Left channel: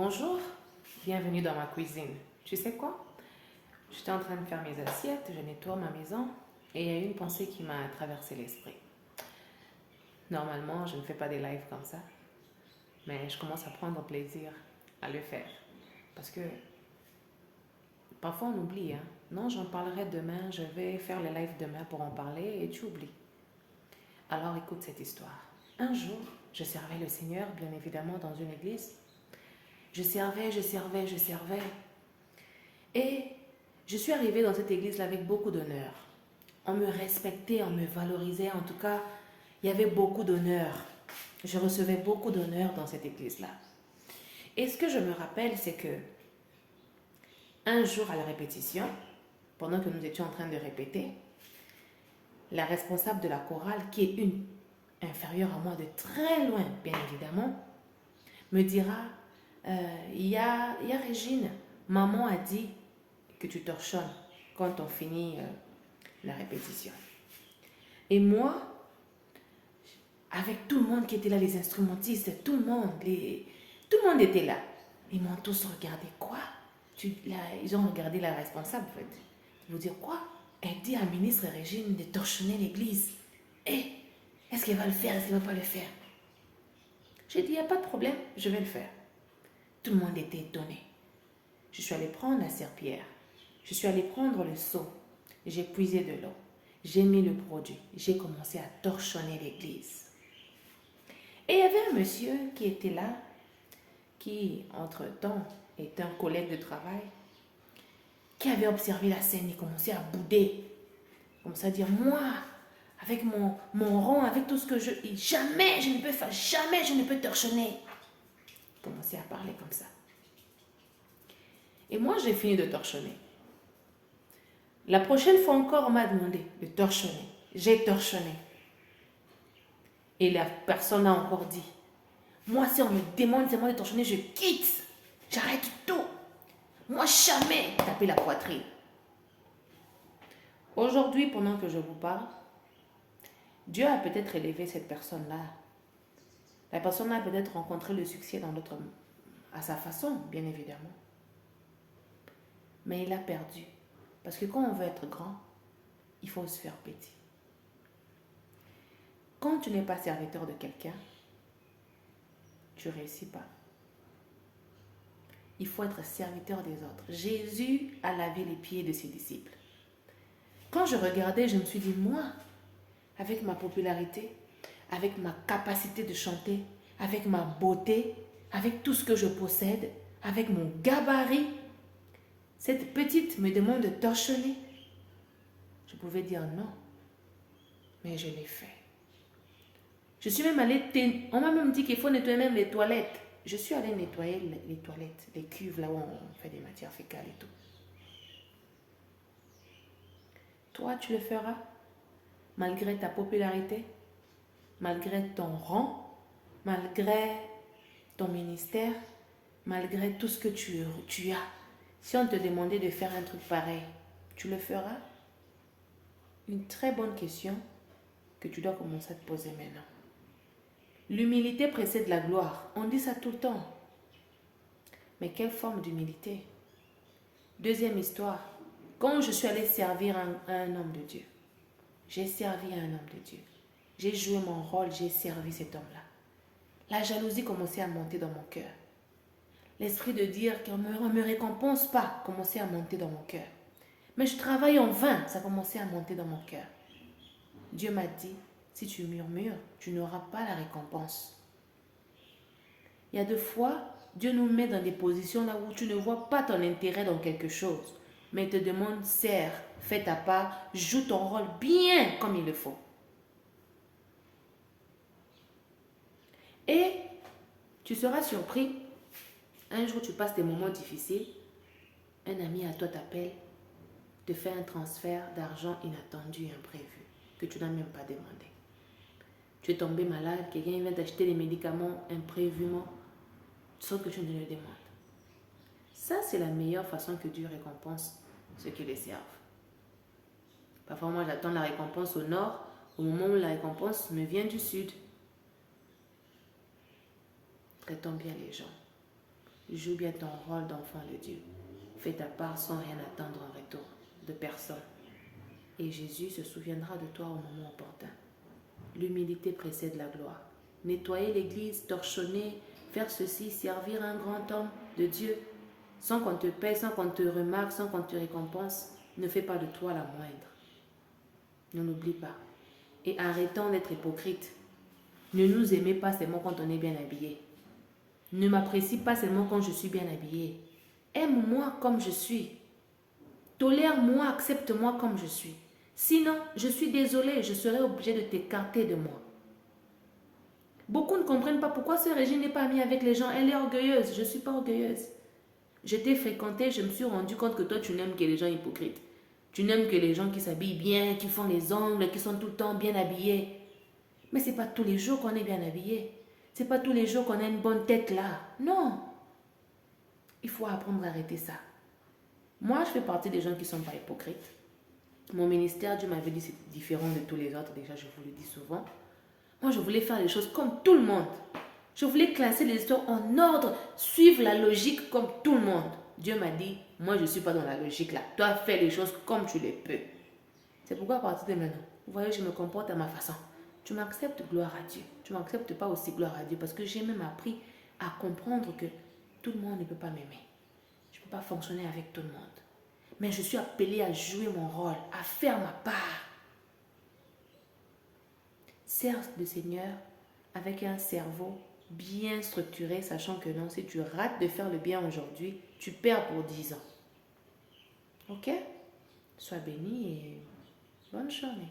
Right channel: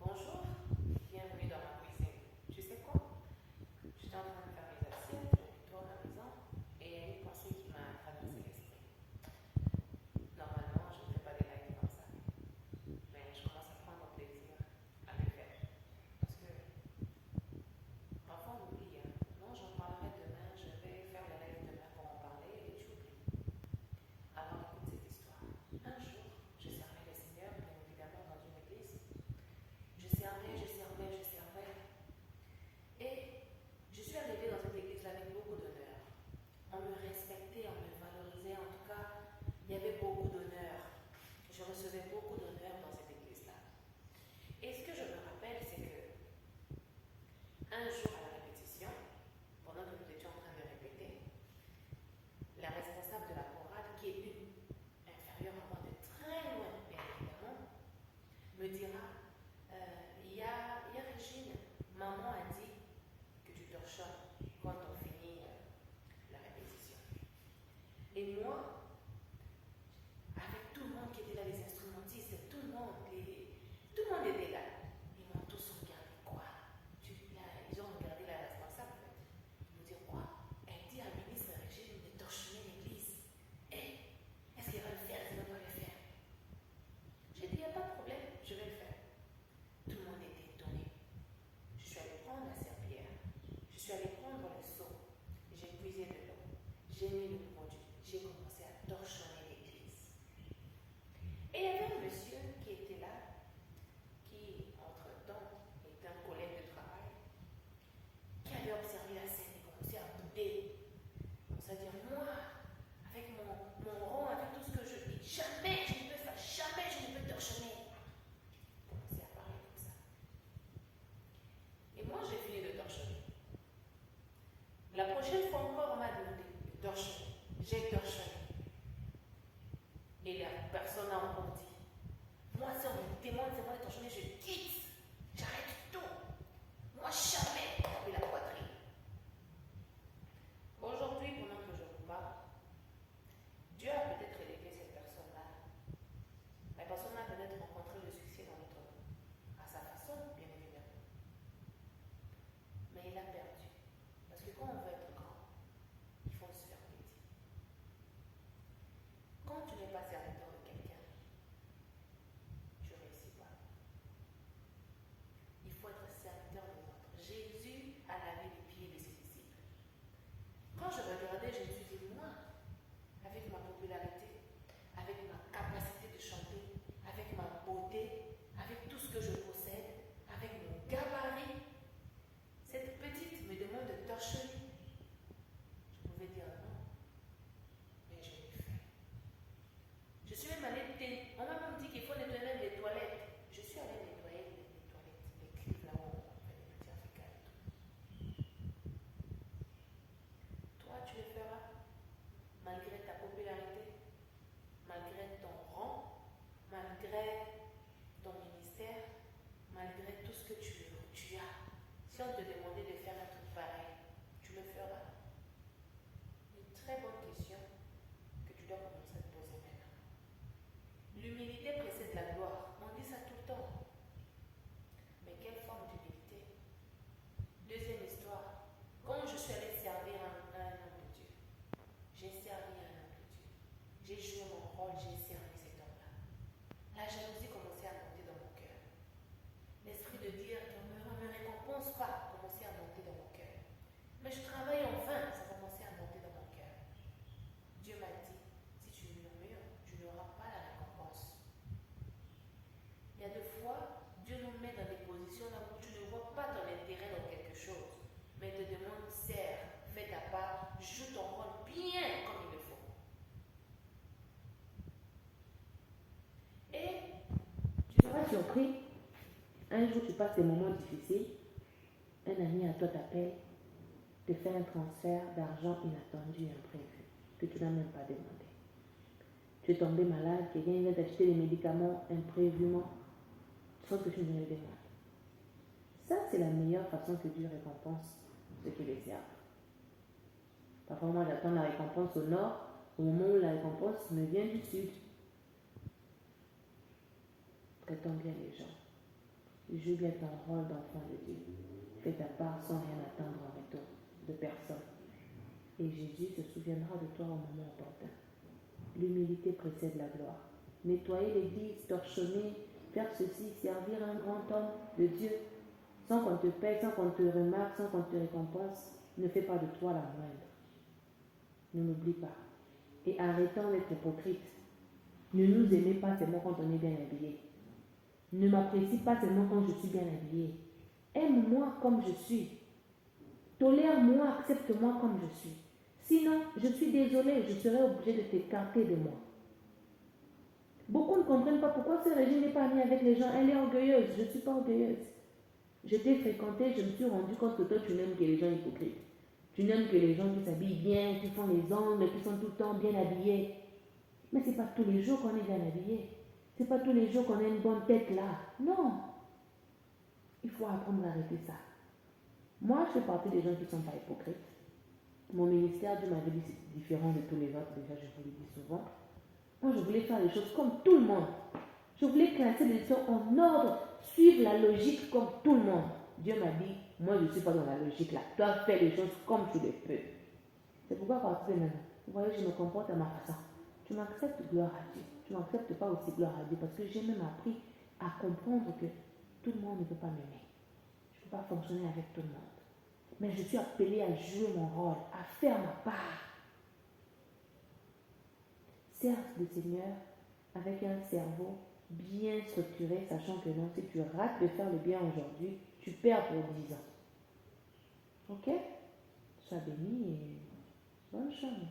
Bonjour, bienvenue dans ma cuisine. Tu sais quoi? J'étais en train de faire mes assiettes, je nettoie ma maison et il y a une pensée qui m'a traversé l'esprit. Normalement, je ne fais pas des lives comme ça, mais je commence à prendre plaisir à le faire. Parce que parfois on oublie, hein. Non, j'en parlerai demain, je vais faire le live demain pour en parler et tu oublies. Alors écoute cette histoire. Un jour, je servais le Seigneur, bien évidemment, dans une église. Je servais. Et je suis arrivée dans cette église-là avec beaucoup d'honneur. On me respectait, on me valorisait. En tout cas, il y avait beaucoup d'honneur. Je recevais beaucoup d'honneur dans cette église-là. Et ce que je me rappelle, c'est que un jour à la répétition, pendant que nous étions en train de répéter, la responsable de la chorale, qui est une inférieure à moi de très loin, bien évidemment, me dira, il y a Régine, maman a dit que tu torchonnes quand on finit la répétition. Et moi, avec tout le monde qui était là, les instrumentistes, tout le monde était là. Ils m'ont tous regardé. Quoi? Ils ont regardé la responsable, en fait. Ils vont dire, quoi? Elle dit à ministre Régine de torchonner l'église. Et est-ce qu'elle va le faire? Est-ce qu'elle ne va pas le faire? J'ai dit, il n'y a pas de problème, je vais le faire. Tout le monde était étonné. Je suis allée prendre la serpillière. Je suis allée prendre le seau. J'ai puisé de l'eau. J'ai mis le produit. J'ai commencé à torchonner l'église. Et il y avait un monsieur qui était là, qui, entre-temps, était un collègue de travail, qui avait observé la scène. Il commençait à bouder. Il commençait à dire, moi, avec mon rang, avec tout ce que je... Jamais je ne peux faire, jamais je ne peux torchonner. Il commençait à parler comme ça. Et moi, j'ai fini de torchonner. La prochaine fois encore, on m'a demandé de torchonner. J'ai torchonné. Et la personne a encore dit, moi, si on me demande seulement de torchonner, je quitte. J'arrête tout. Moi, jamais taper la poitrine. Aujourd'hui, pendant que je vous parle, Dieu a peut-être élevé cette personne-là. La personne a peut-être rencontré le succès dans l'autre monde, à sa façon, bien évidemment. Mais il a perdu. Parce que quand on veut être grand, il faut se faire petit. Quand tu n'es pas serviteur de quelqu'un, tu ne réussis pas. Il faut être serviteur des autres. Jésus a lavé les pieds de ses disciples. Quand je regardais, je me suis dit, moi, avec ma popularité, avec ma capacité de chanter, avec ma beauté, avec tout ce que je possède, avec mon gabarit, cette petite me demande de torchonner. Je pouvais dire non, mais je l'ai fait. Je suis même allée, on m'a même dit qu'il faut nettoyer même les toilettes. Je suis allée nettoyer les toilettes, les cuves là où on fait des matières fécales et tout. Toi, tu le feras, malgré ta popularité, malgré ton rang, malgré ton ministère, malgré tout ce que tu as. Si on te demandait de faire un truc pareil, tu le feras? Une très bonne question que tu dois commencer à te poser maintenant. L'humilité précède la gloire. On dit ça tout le temps. Mais quelle forme d'humilité? Deuxième histoire. Quand je suis allée servir un homme de Dieu, j'ai servi un homme de Dieu. J'ai joué mon rôle, j'ai servi cet homme-là. La jalousie commençait à monter dans mon cœur. L'esprit de dire qu'on ne me récompense pas commençait à monter dans mon cœur. Mais je travaille en vain, ça commençait à monter dans mon cœur. Dieu m'a dit, si tu murmures, tu n'auras pas la récompense. Il y a des fois, Dieu nous met dans des positions là où tu ne vois pas ton intérêt dans quelque chose. Mais il te demande, sers, fais ta part, joue ton rôle bien comme il le faut. Et tu seras surpris. Un jour, tu passes des moments difficiles. Un ami à toi t'appelle, te fait un transfert d'argent inattendu et imprévu que tu n'as même pas demandé. Tu es tombé malade, quelqu'un vient t'acheter des médicaments imprévument sans que tu ne le demandes. Ça, c'est la meilleure façon que Dieu récompense ceux qui les servent. Parfois, moi, j'attends la récompense au nord, au moment où la récompense me vient du sud. Traitons bien les gens. Joue bien ton rôle d'enfant de Dieu. Fais ta part sans rien attendre en retour de personne. Et Jésus se souviendra de toi au moment opportun. L'humilité précède la gloire. Nettoyer l'église, torchonner, faire ceci, servir un grand homme de Dieu, sans qu'on te paye, sans qu'on te remarque, sans qu'on te récompense, ne fait pas de toi la moindre. Ne l'oublie pas. Et arrêtons d'être hypocrites. Ne nous aimez pas seulement quand on est bien habillé. Ne m'apprécie pas seulement quand je suis bien habillé. Aime-moi comme je suis. Tolère-moi, accepte-moi comme je suis. Sinon, je suis désolée, je serai obligée de t'écarter de moi. Beaucoup ne comprennent pas pourquoi ce Régine n'est pas amie avec les gens. Elle est orgueilleuse. Je ne suis pas orgueilleuse. Je t'ai fréquenté, je me suis rendu compte que toi, tu n'aimes que les gens hypocrites. Tu n'aimes que les gens qui s'habillent bien, qui font les ongles, qui sont tout le temps bien habillés. Mais ce n'est pas tous les jours qu'on est bien habillé. Ce n'est pas tous les jours qu'on a une bonne tête là. Non. Il faut apprendre à arrêter ça. Moi, je fais partie des gens qui ne sont pas hypocrites. Mon ministère, Dieu m'avait dit, c'est différent de tous les autres. Déjà, je vous le dis souvent. Moi, je voulais faire les choses comme tout le monde. Je voulais classer les histoires en ordre, suivre la logique comme tout le monde. Dieu m'a dit, moi, je ne suis pas dans la logique là. Toi, fais les choses comme tu les peux. C'est pourquoi à partir de maintenant, vous voyez, je me comporte à ma façon. Tu m'acceptes, gloire à Dieu. Tu ne m'acceptes pas aussi, gloire à Dieu. Parce que j'ai même appris à comprendre que tout le monde ne peut pas m'aimer. Je ne peux pas fonctionner avec tout le monde. Mais je suis appelée à jouer mon rôle, à faire ma part. Sers le Seigneur avec un cerveau bien structuré, sachant que non, si tu rates de faire le bien aujourd'hui, tu perds pour 10 ans. Ok? Sois béni et bonne journée.